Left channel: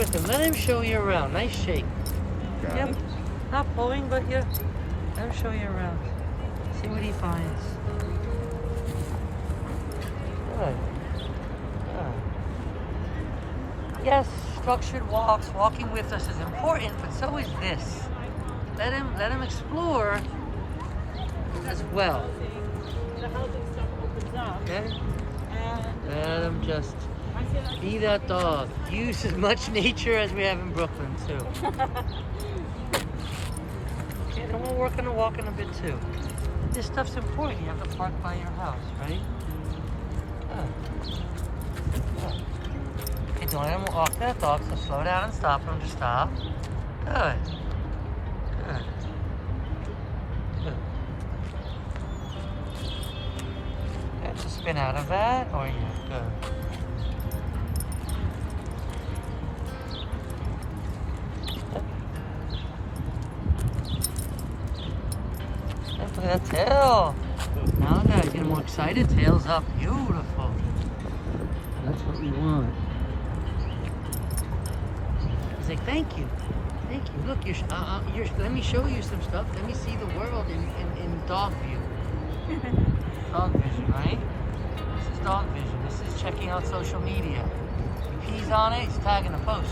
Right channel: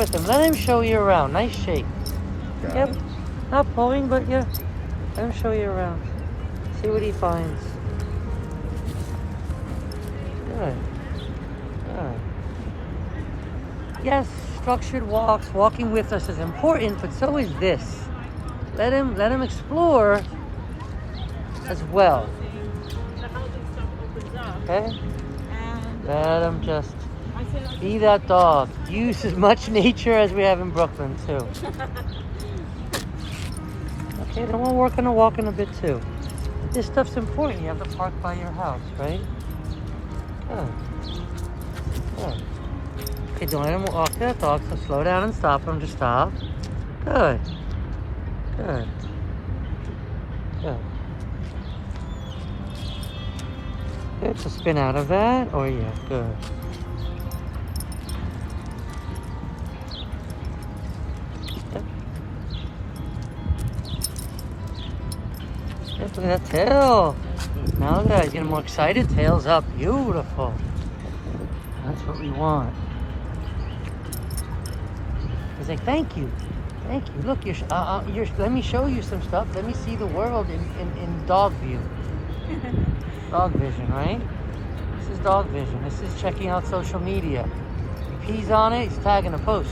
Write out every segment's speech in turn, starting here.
with him. Let him show you around. Nice shake. Got Yep. it. Not pulling, but yeah. Let him show you around. See what he finds. Good. Good. Yes, structured walks, walking with us is important, but so is this. Let him explore as well. Okay? Let him just be that dog. Use as much nature as we have in Brooklyn too. Okay, then we'll work on a walk in a bit too. This stuff's important. You have to park by your house, right? Good. Good. Okay, don't let him walk that dog, so slow down and stop him. Just stop. Good. Good. Good. Good. So spin out of that. Oh yeah, good. Look at that tail. Now that he's getting more excited, tail's up. Beautiful. That's what we want. He's like, thank you. Thank you. Look, let me show you some stuff. Let me see the world in dog view. Dog vision, right? This is dog vision. This is checking out social media. If he's on it, he's tagging a post.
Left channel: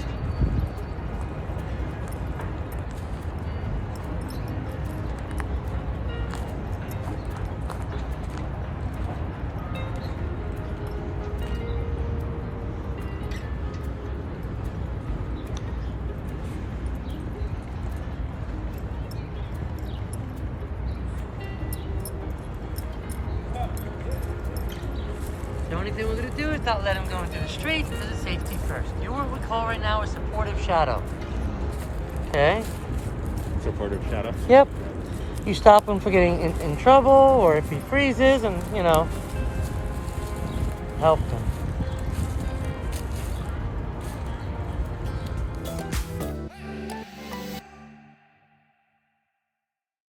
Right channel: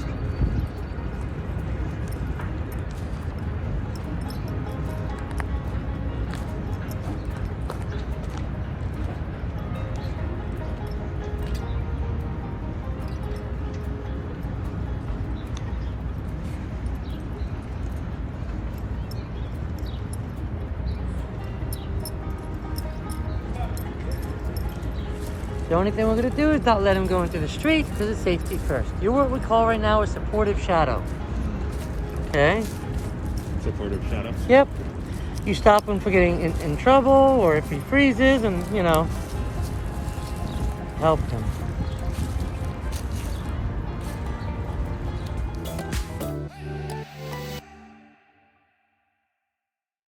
The only thing we're going to do is not let him go into the streets. This is safety first. You're what we call right now a supportive shadow. Okay? Supportive shadow. Yep. You stop him from getting in trouble, or if he freezes, and, you know, help him.